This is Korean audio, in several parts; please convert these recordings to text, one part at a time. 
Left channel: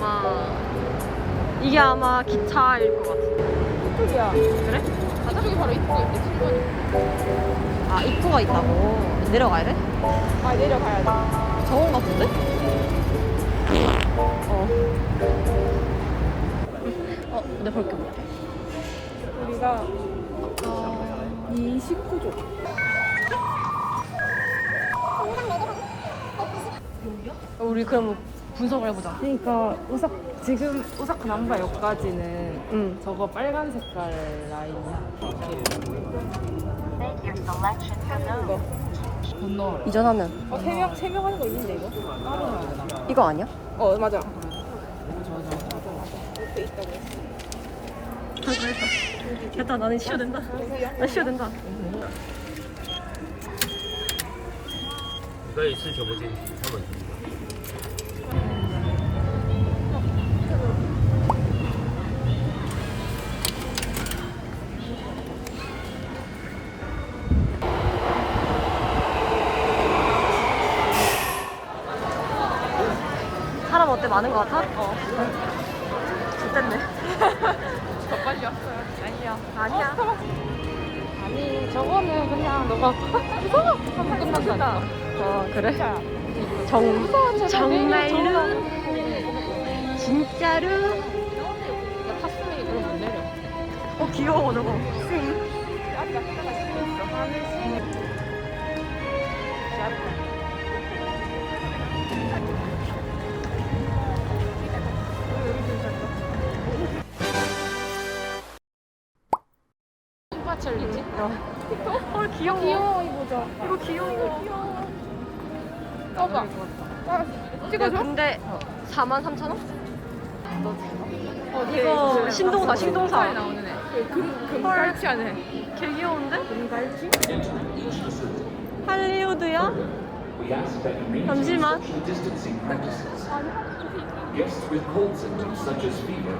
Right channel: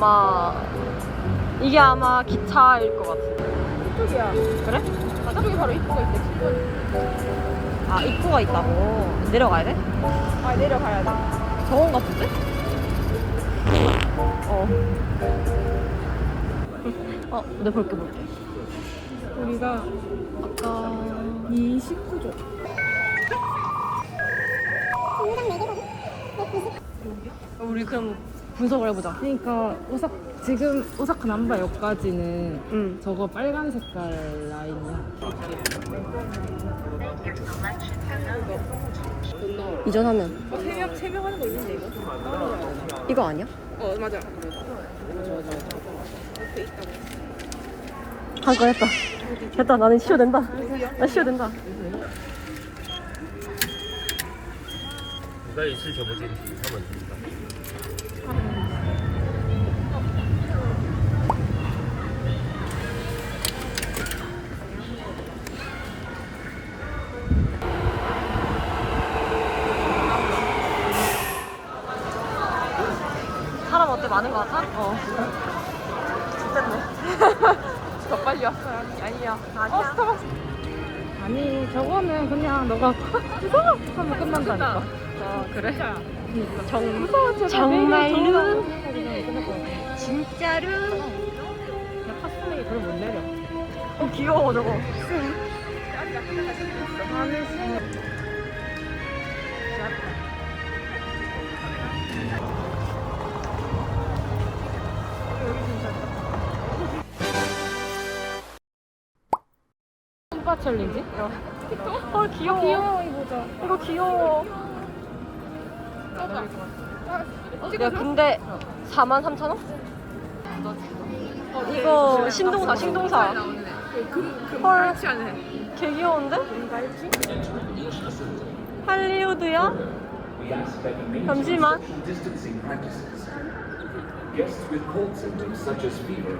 아. 아마 이게 아마 기차일 것 같아. 이쪽이야. 그래? 가자. 바로. 아 입구가 있다고. 내려가야 돼? 아 내려가야 돼. 저건가 본데? 어. 어, 내 볼게 볼게. 우리가 아까 29조. 우리 그럼 분석을 해보자. 그러니까 오사 지금 오사카 남바 역까지는 응. 저거 빨간 색깔 라인이야. 이거 건너. 이전하면 어 세 명 세 명 하는 거 있는데 이거 따로 해야 되나? 이거 아니야? 어 맞아. 저 저 저. 옆에 있다고 했어. 한건 했다. 됐다. 나는 쉬어도 된다. 나 쉬어도 된다. 기다려 있을 저보지 3번 사람 어때? 많은 것 같아? 좋댔네. 아니야. 아니 저거는 그냥 너가 끝난다. 어, 그래? 정, 정말로? 진짜로? 어, 귀여워, 저거. 야. 헐, 귀여워. 이거 귀여워. 야, 근데 4만 3천 원? 이거 신동사, 신동사. 헐. 개 귀여운데? 할리우드야? 잠시만. social distancing practices. Guests with cold symptoms such as fever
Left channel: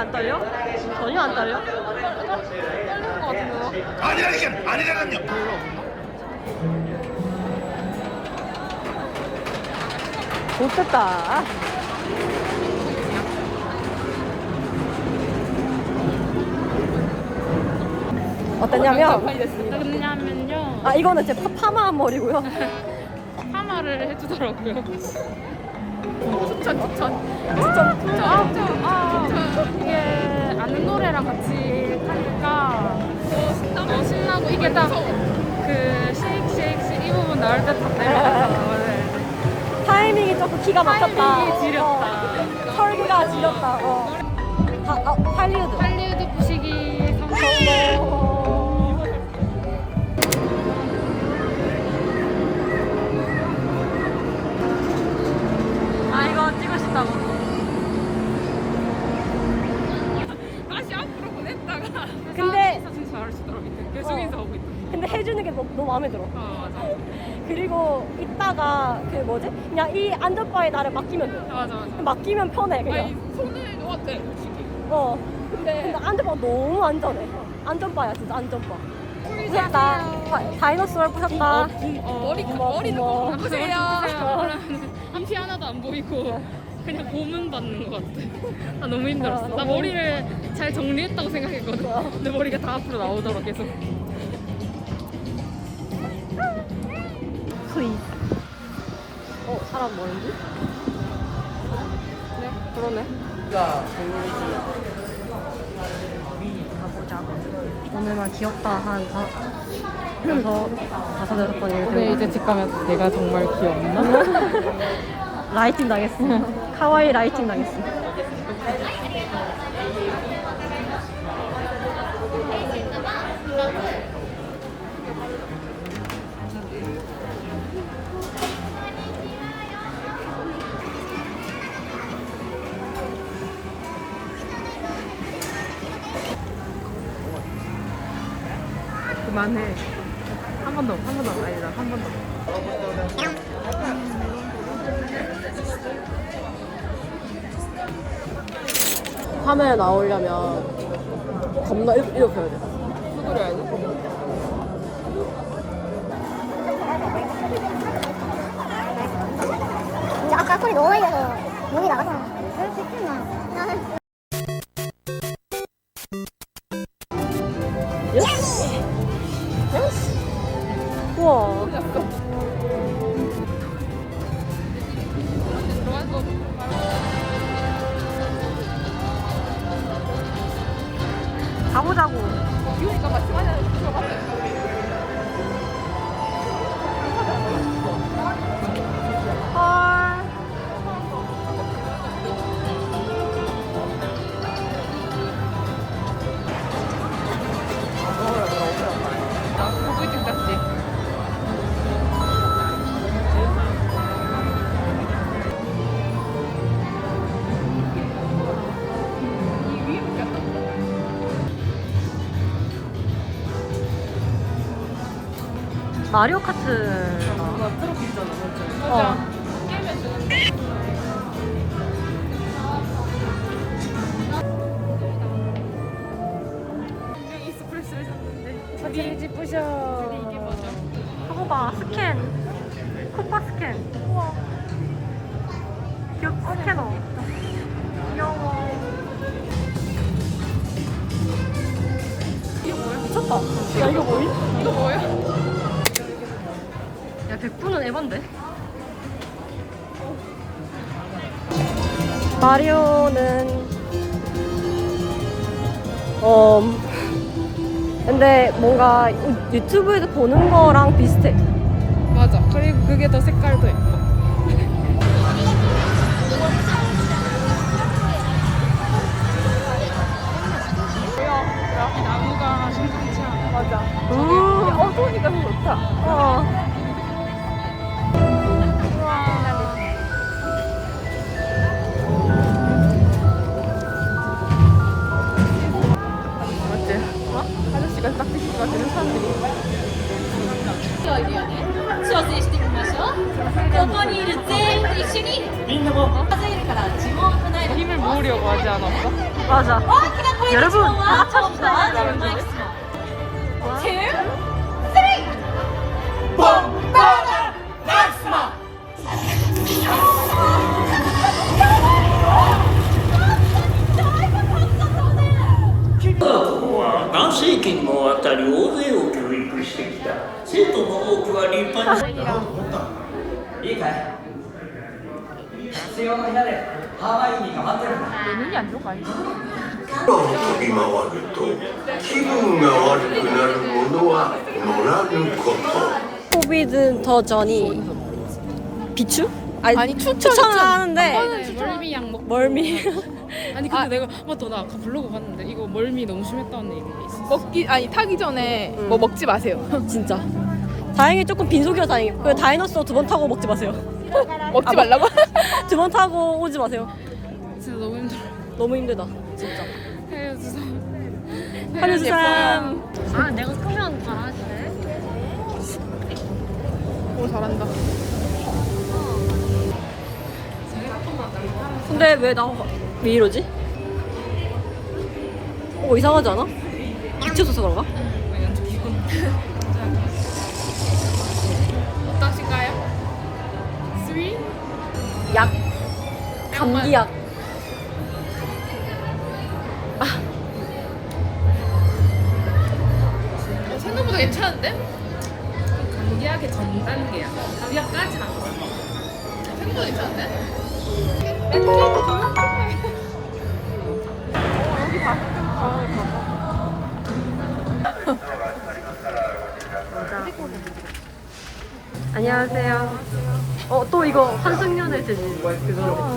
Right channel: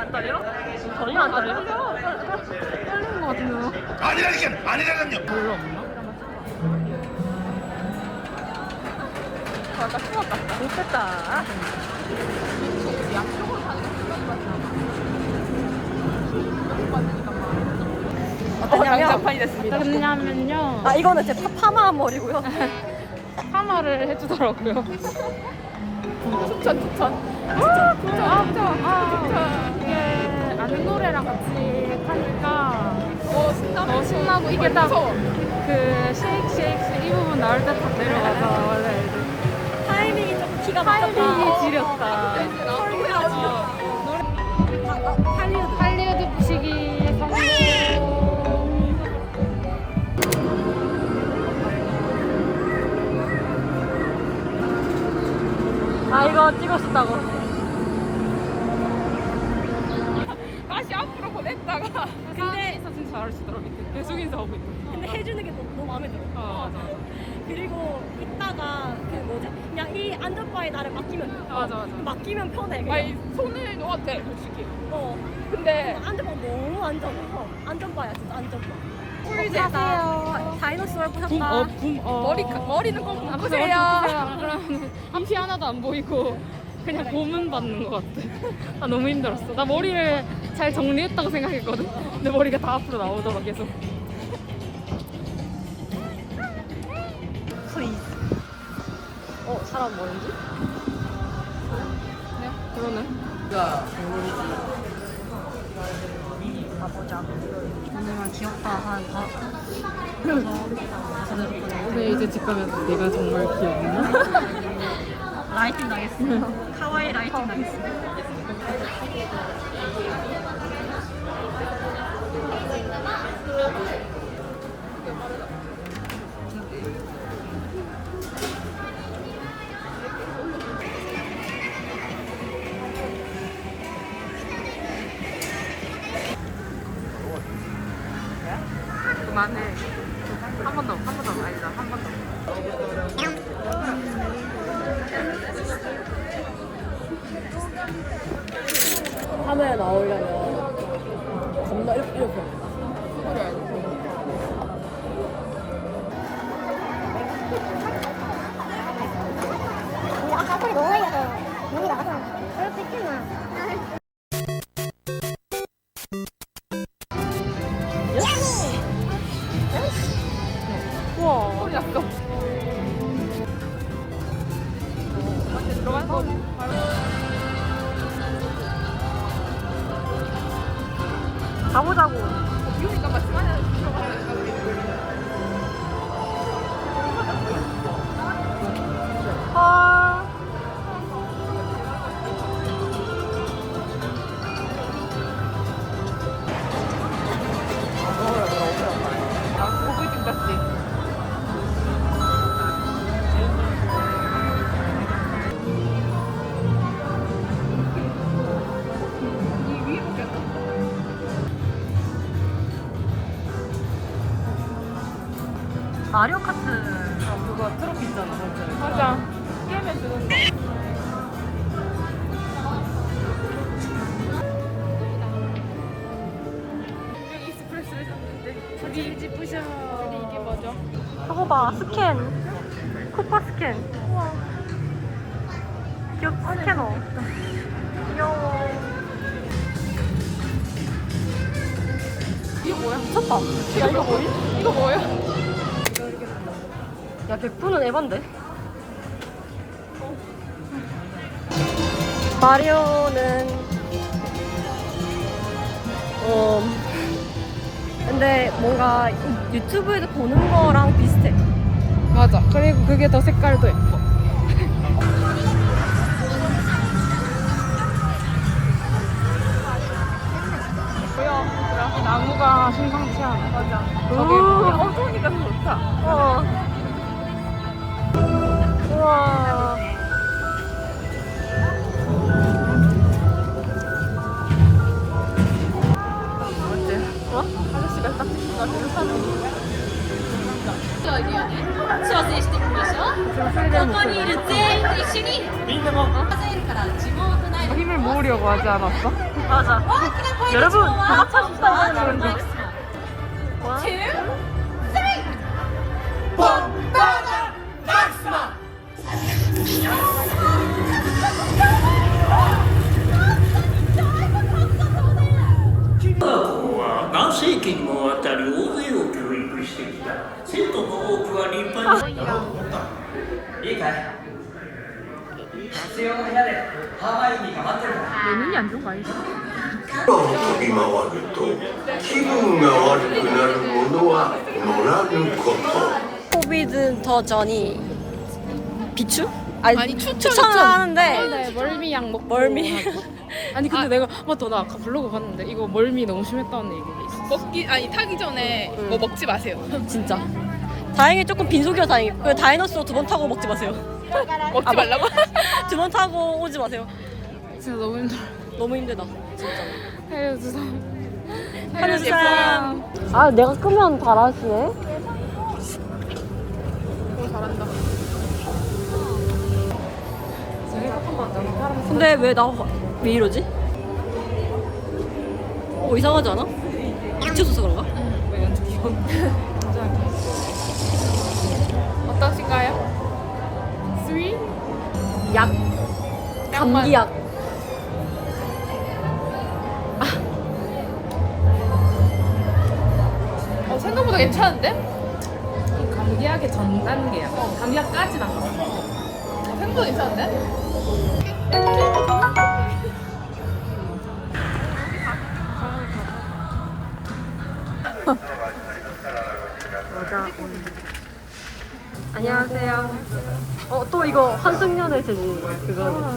안 떨려? 전혀 안 떨려? 아니라니까 아니라니요 좋겠다. 어떠냐면, 왜냐면요 아, 이거는 제 파, 파마한 머리고요. 파마를 해주더라고요. 추천, 추천. 아, 아, 아, 이게 아는 노래랑 같이 하니까 더 신나고 이게 딱그 쉐이크 이 부분 나올 때딱 내려가잖아 원래 이제 타이밍이 조금 기가 막혔다. 타이밍이 지렸다. 어, 설구가 지렸다. 어. 다, 아, 할리우드. 할리우드 아, 찍고 싶다고. 다시 앞으로 보냈다가 근데- 근데 사진 잘 찍더라 밑에 계속 인사하고 있다 근데 해주는 게 너무, 너무 마음에 들어. 아 맞아 그리고 이따가 그 뭐지? 그냥 이 안전바에 나를 맡기면 돼. 맞아 맞아 맡기면 편해 그냥. 아니 손을 놓았대 솔직히 어. 근데 근데 안전바 너무 안전해. 안전바야 진짜 안전바. 부셨다. 다이너솔 부셨다. 어, 머리 어. 꼭보 세요 앞이 하나도 안 보이고 그냥 고문 받는 것 같아. 아 너무 힘들었어. 나 머리를 잘 정리했다고 생각했거든. 근데 머리가 다 앞으로 나오더라 계속. 후이. 어 사람 뭐는지? 네 그러네. 가보자. 오늘만 귀엽다. 한 다, 여섯 다섯 여섯 번 근데 얘기. 이제 집 가면 내가 정말 귀엽나? 라이팅 당했어. 카와이 라이팅 당했어. 카메라 나오려면 겁나 이렇게, 이렇게 해야 돼. 아까 소리 너무 많이 나서 몸이 나가잖아. 그럴 수 있겠나? 가보자고. 마리오 카트. 어. 이게 봐 스캔 쿠퍼 스캔 귀엽 스캐너 귀여워 이거 뭐야 미쳤다 야 이거 뭐임? 이거 뭐야? 야 100분은 에반데? 마리오는 어 근데 뭔가 유튜브에서 보는 거랑 비슷해. 맞아. 그리고 그게 더 색깔도 예뻐 必要の部屋でハーマイオニーが待ってるんだ 예민이 안 좋아해 飛び回ると気分が悪くなるものは乗らぬこと 코비드 더 전이 비추? 아니, 추천을 하는데 네, 멀미약 먹고 멀미. 아니 근데 내가 맞다 나 아까 블로그 봤는데 이거 멀미 너무 심했다는 얘기가 있어 먹기 아니 타기 전에 응. 뭐 먹지 마세요. 진짜. 다행히 조금 빈속이라 다행히. 그 다이너스로 두 번 타고 먹지 마세요. 아, 뭐- 말라고? 두번 타고 오지 마세요. 진짜 너무 힘들어 너무 힘들다. 진짜. 살려주세요 살려주세요. 아, 내가 끄면 달아지네. 근데 왜 나 왜 이러지? 어 이상하지 않아? 미쳤어서 그런가? 약 감기약 어, 생각보다 괜찮은데? 감기약의 전 단계야 감기약까지는 안 갔어 생각보다 괜찮은데? 맞아. 안녕하세요. 어 또 이거 환승연애 제지 그거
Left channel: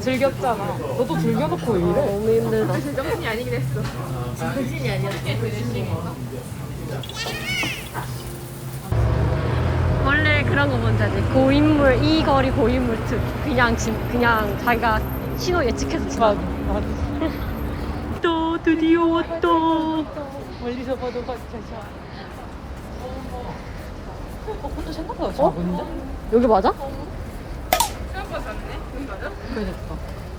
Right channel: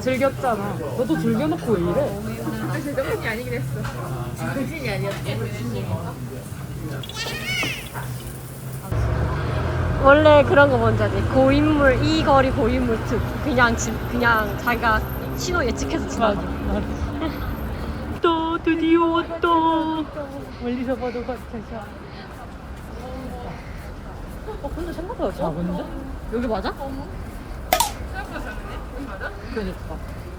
즐겼잖아 너도 즐겨놓고 왜 이래? 너무 힘들다. 제 정신이 아니긴 했어. 정신이 아니었지. 원래 그런 거 뭔지 알지? 고인물 이 거리 고인물 특 그냥 지, 그냥 자기가 신호 예측해서 지나가. 또 드디어 왔다. 멀리서 봐도 어 근데 생각보다 어? 여기 맞아? 생각보다 작네. 그니까.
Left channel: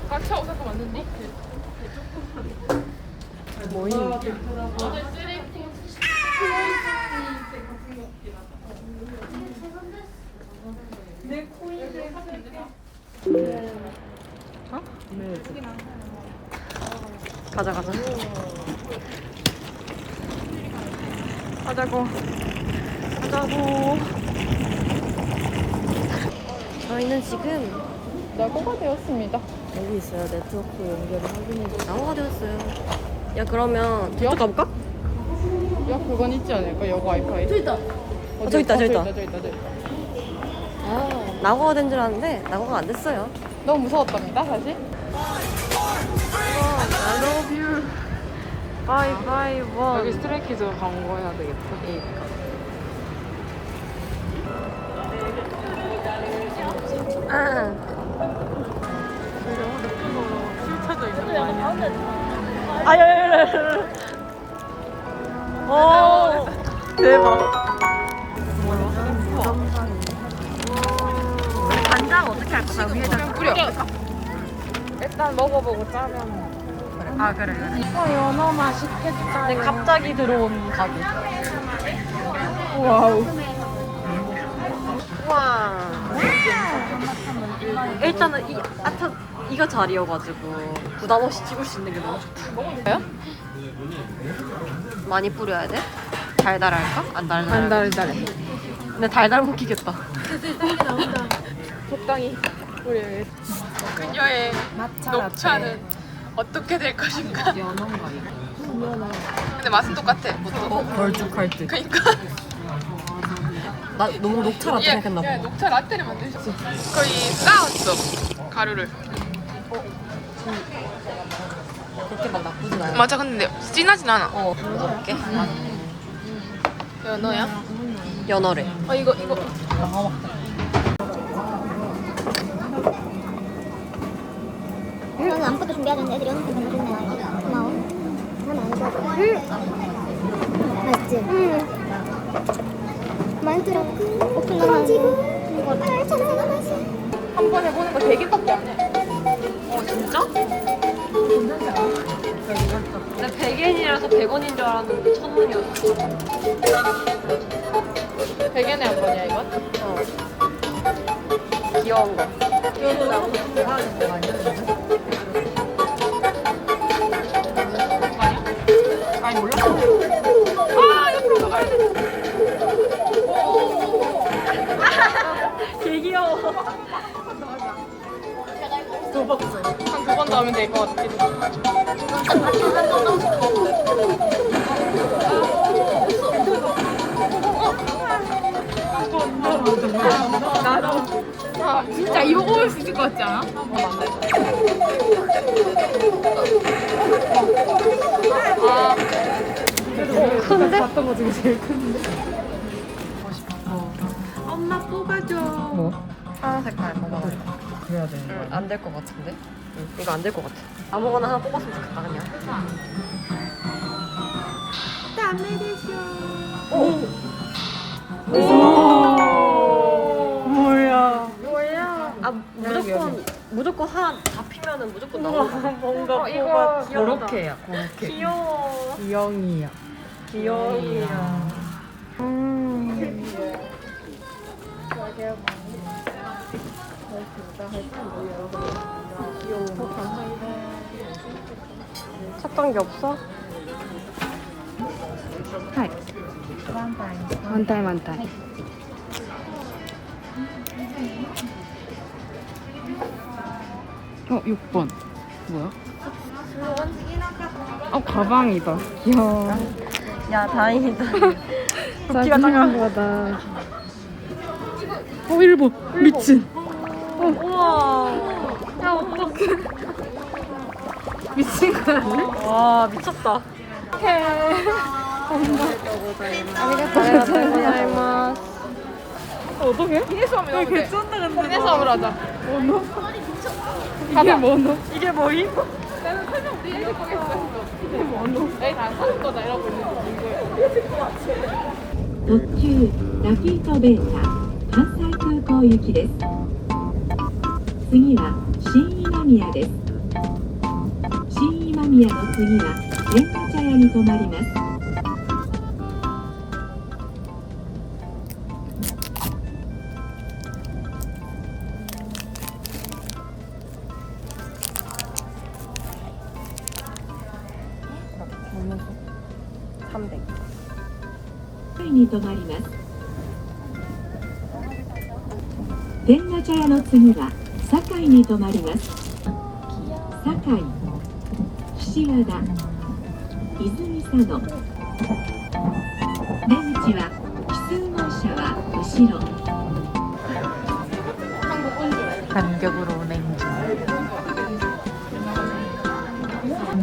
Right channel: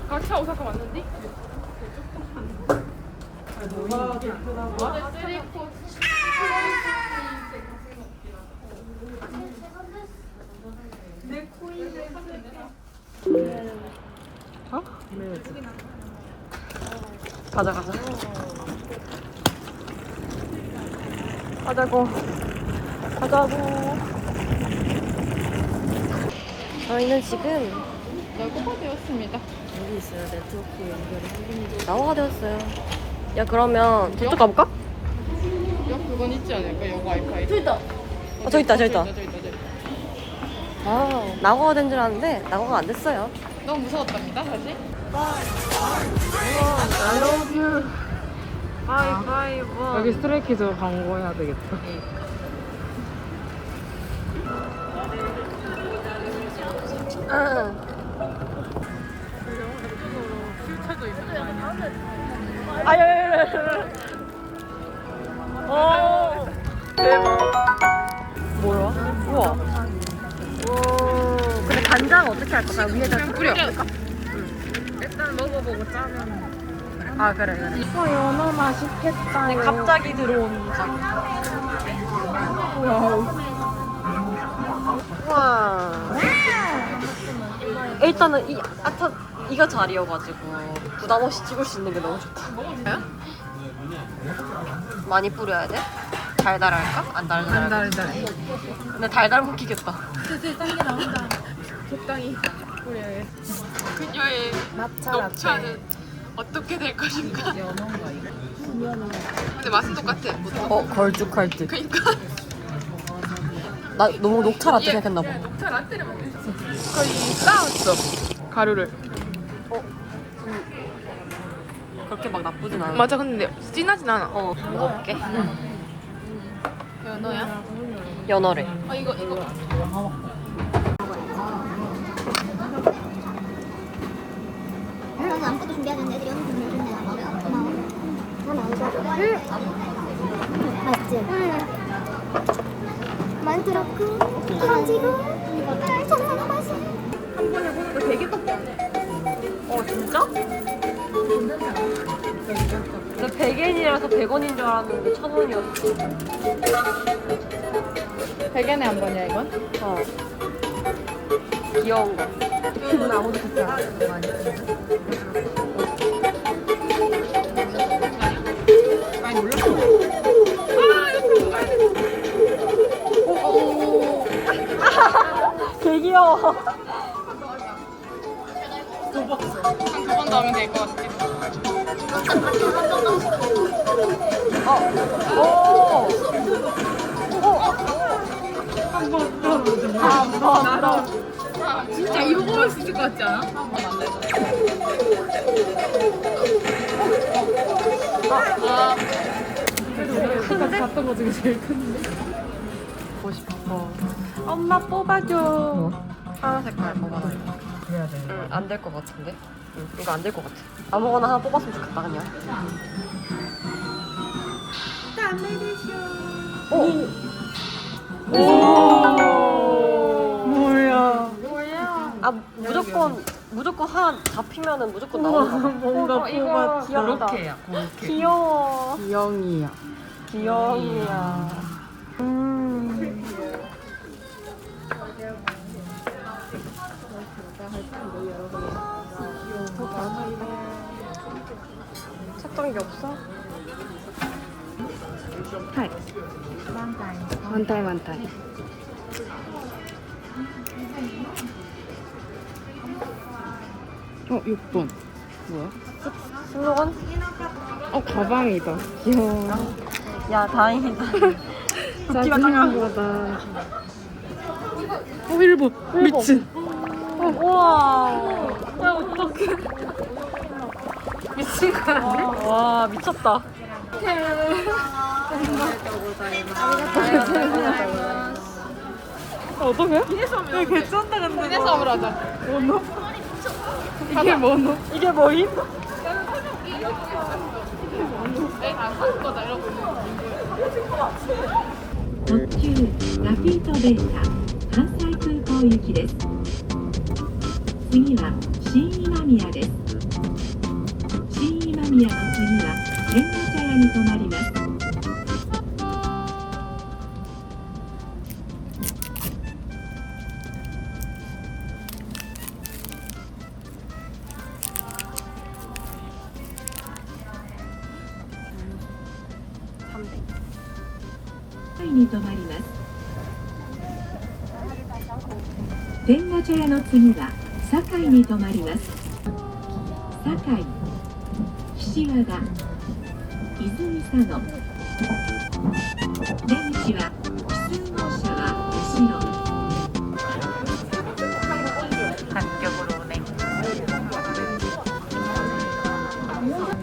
한차 오사카 왔는데? 가자 가자 가자고 가자고 저희는 지금 야구가 되었습니다. 여기 있어요 네트워크 연결을 확인해 나와가 되었어요 야 그러면 저쪽 가볼까? 야 그건 있지 않을까? 여고 와이파이. 저기 있다. 어, 저기 있다, 저기 있다. 저기 있다, 저기 있다. 아 낙오가 된 줄 알았는데 낙오가 안 됐어요 너무 무서웠답니다 사실. I love you bye bye 여기 one 스트레이키즈 광고해야 되겠다. 아. 오 대박 뭐야? 우와 오 근데 간장 어떻게 할 거야? 위에다 그냥 뿌려. 일단 먹어보고 짜면. 아 그래 그래 근데 갑자기 들어온 가게 와우 와 일단은 이 아차 이거 자리여가지고 부담 없이 찍을 수 있는 게 너무 좋다 많이 뿌려야 돼? 달달할까? 안 달달할까? 달달해. 근데 달달 먹히겠다 적당히 뿌려야 그녀의 녹차는 어떻게 될 것인가? 연어인가 이거? 근데 맛은 똑같아. 보통. 어 걸쭉할 듯 그러니까 나 너무 녹차 라떼 얘, 생각했나 얘봐 녹차 라떼를 만드셨어. 거의 쌓았어 가루를. 그렇게 막 나쁘진 않아 맞아 근데 진하진 않아. 어 먹어볼게 연어야? 연어래 어 이거 이거. 어, 아무것도 준비해야 되는데 애들이 오는 거 좋네. 고마워. 응. 이거 거 깜짝. 어 진짜? 나 100엔이라서 100원인 줄 알았는데 1000원이었어 100엔에 한 거냐 이건? 어 귀여운 거 아니 같지 않아? 큰데? 봤던 거 중에 제일 큰. 엄마 뽑아줘 뭐? 파란 색깔 돼. 응, 안 될 것 같은데? 응, 이거 안 될 것 같아. 아무거나 하나 뽑았으면 좋겠다, 그냥. 오! 오! 뭐야? 아, 무조건, 무조건 하나 잡히면은 무조건 나오는 거 뭔가 뽑아. 귀엽다. 그렇게야. 귀여워. 기영이야. 귀여움이야. 음. 찾던 게 없어? 많다 많다. 어 6번. 뭐야? 어 가방이다. 귀여워. 야, 다행이다. 부피가 작아. 거다. 어 1번. 미친. 우와. 야 어떡해. 미친 거 아니야? 와, 미쳤다. 어떡해? 왜 개쩐다 근데 너. 뭐노? 이게 뭐노? 이게 뭐임? 特急ラフィートデータ関西空港行きです 次は新今宮です新今宮の次は天満茶屋に停まります まります堺岸和田泉佐野出口は奇数号車は後ろ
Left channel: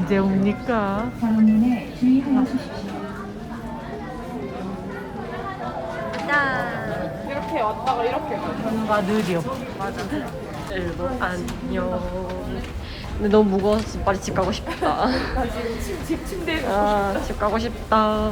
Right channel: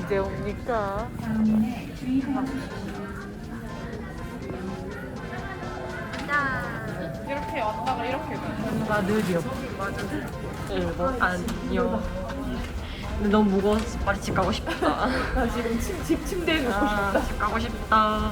언제 옵니까? 다음에 주의하여 주십시오. 짠. 이렇게 왔다가 이렇게 뭔가 느려. 일본 안녕. 근데 너무 무거워서 빨리 집 가고 싶다. 지금 침, 침, 침대에 아, 집 가고 싶다.